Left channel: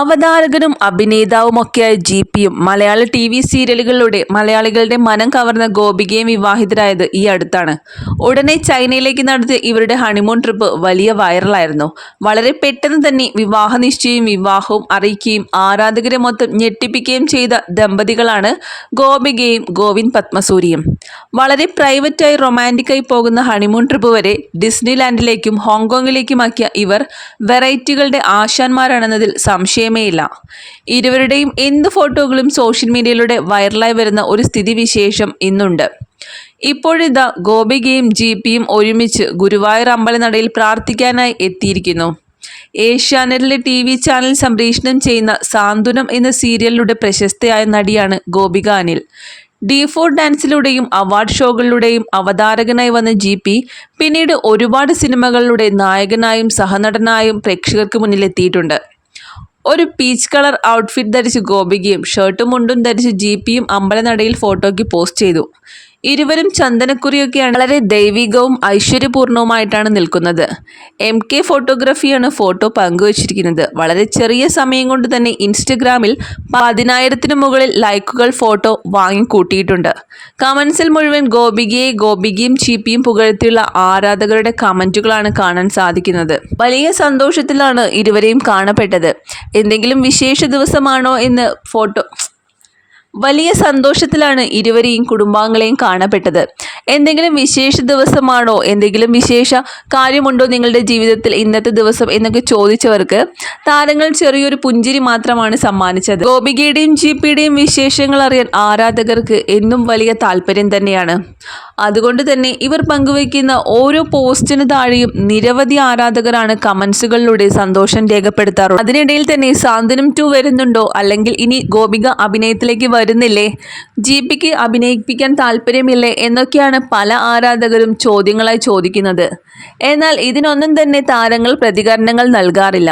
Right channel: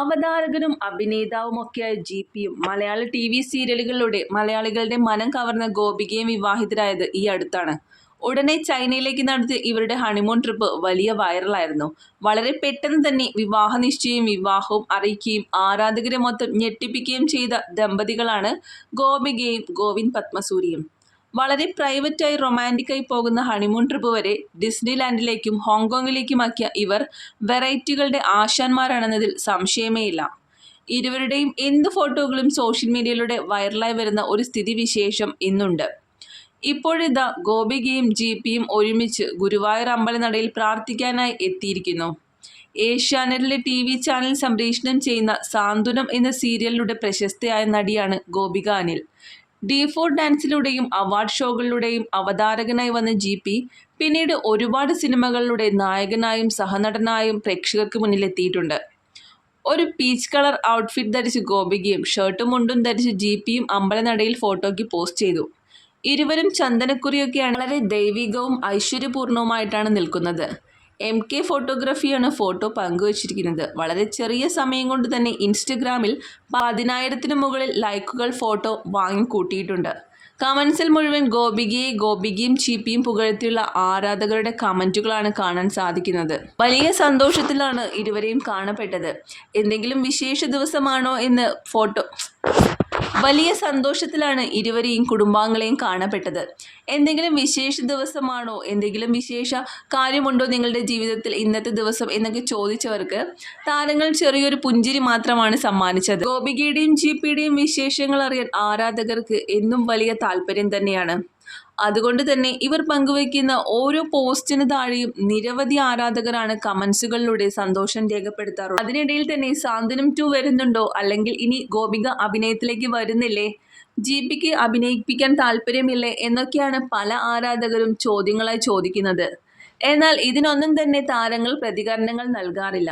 അവതാരകനും അഭിനേതാവുമൊക്കെയായ G പിയും മലയാള T V സീരിയലുകളിലൂടെ മലയാളികളുടെ മനം കവർന്ന ഗോപികയും വിവാഹിതരായത് ഈ അടുത്താണ്. ഉടനെ ചൈനയിലേക്ക് നടത്തിയ ഇവരുടെ ഹണിമൂൺ ട്രിപ്പ് വലിയ വൈറലായിരുന്നു വളരെ പെട്ടെന്ന് തന്നെ വിവാഹ നിശ്ചയവും വിവാഹവും അറിയിക്കുകയും ആരാധകരെ മൊത്തം ഞെട്ടിപ്പിക്കുകയും ചെയ്ത ദമ്പതികളാണ് ഗോപികയും ഗോവിന്ദ് പത്മസൂരിയും. വളരെ പ്രൈവറ്റായി റൊമാന്റിക്കായി പോകുന്ന ഹണിമൂൺ ട്രിപ്പ് വരെ ഡിസ്നിലാൻഡിലേക്കും ഹോങ്കോങ്ങിലേക്കുമാക്കിയ ഇവർ വെറൈറ്റികളുടെ ആശാന്മാരാണെന്നതിൽ സംശയമേയില്ല ഇരുവരുടെയും എന്ത് ഫോട്ടോകളും സോഷ്യൽ മീഡിയയിലൂടെ വൈറലായി വരുന്ന ഒരു സ്ഥിതിവിശേഷം ഇന്നുണ്ട്. ഇപ്പോഴിതാ ഗോപികയും ജി പിയും ഒരുമിച്ച് ഗുരുവായൂർ അമ്പലനടയിൽ പ്രാർത്ഥിക്കാനായി എത്തിയിരിക്കുന്നു. ഏഷ്യാനെറ്റിലെ ടി വി ചാനൽ സംപ്രേഷണം ചെയ്യുന്ന സാന്ത്വനം എന്ന സീരിയലിലൂടെ പ്രശസ്തയായ നടിയാണ് ഗോപിക അനിൽ. ഡി ഫോർ ഡാൻസിലൂടെയും അവാർഡ് ഷോകളിലൂടെയും അവതാരകനായി വന്ന ജി പി പിന്നീട് ഒരുപാട് സിനിമകളിലൂടെ നായകനായും സഹനടനായും പ്രേക്ഷകർക്ക് മുന്നിലെത്തിയിട്ടുണ്ട്. ഒരു പീച്ച് കളർ ഔട്ട്ഫിറ്റ് ധരിച്ച് ഗോപികയും ഷർട്ടും മുണ്ടും ധരിച്ച് ജി പിയും അമ്പലനടയിൽ ഫോട്ടോയ്ക്ക് പോസ്റ്റ് ചെയ്തു. ഇരുവരും ചന്ദനക്കുറിയൊക്കെയാണ് വളരെ ദൈവികവും ഐശ്വര്യപൂർണവുമായിട്ടാണ് നിൽക്കുന്നത്. എം കെ ഫോട്ടോഗ്രാഫിയാണ് ഫോട്ടോ പങ്കുവച്ചിരിക്കുന്നത്. വളരെ ചെറിയ സമയം കൊണ്ട് തന്നെ ഇൻസ്റ്റഗ്രാമിൽ പതിനായിരത്തിനു മുകളിൽ ലൈക്കുകൾ ഫോട്ടോ വാങ്ങിക്കൂട്ടിയിട്ടുണ്ട്. കമൻസിൽ മുഴുവൻ ഗോപികയെ ഗോപികയും ചീപ്പിയും പുകഴ്ത്തിയുള്ള ആരാധകരുടെ കമന്റുകളാണ് കാണാൻ സാധിക്കുന്നത്. വലിയ സന്തോഷത്തിലാണ് ഇരുവരെയും കാണപ്പെട്ടത്. എന്തെങ്കിലും വിശേഷ ദിവസമാണോ എന്ന് ഫോട്ടോ വലിയ സന്തോഷത്തിലാണ് ഇരുവരെയും കുടുംബാംഗങ്ങളെയും കാണപ്പെട്ടത്. എന്തെങ്കിലും വിശേഷ ദിവസമാണോ? എന്തെങ്കിലും വിശേഷ കാര്യമുണ്ടോ നിങ്ങളുടെ ജീവിതത്തിൽ ഇന്നത്തെ ദിവസം എന്നൊക്കെ ചോദിച്ചവർക്ക് താരങ്ങൾ ചെറിയൊരു പുഞ്ചിരി മാത്രമാണ് സമ്മാനിച്ചത്. ഗോപികയുടെയും ജി പിയുടെയും വിശേഷങ്ങൾ അറിയാൻ ആരാധകർക്ക് എന്നും വലിയ താല്പര്യം തന്നെയാണ്. അതുകൊണ്ട് തന്നെ ഇവർ പങ്കുവയ്ക്കുന്ന ഓരോ പോസ്റ്റിന് താഴെയും നിരവധി ആരാധകരാണ് കമൻസുകളിലൂടെ സന്തോഷം രേഖപ്പെടുത്താറുള്ളത്. അതിനിടയിൽ തന്നെ സാന്ത്വനം ടു വരുന്നുണ്ടോ? അല്ലെങ്കിൽ ഇനി ഗോപിക അഭിനയത്തിലേക്ക് വരുന്നില്ലേ? ജിപിക്ക് അഭിനയിപ്പിക്കാൻ താല്പര്യമില്ലേ? എന്നൊക്കെയാണ് പല ആരാധകരും ചോദ്യങ്ങളായി ചോദിക്കുന്നത്. എന്നാൽ ഇതിനൊന്നും തന്നെ താരങ്ങൾ പ്രതികരണങ്ങൾ നൽകാറില്ല.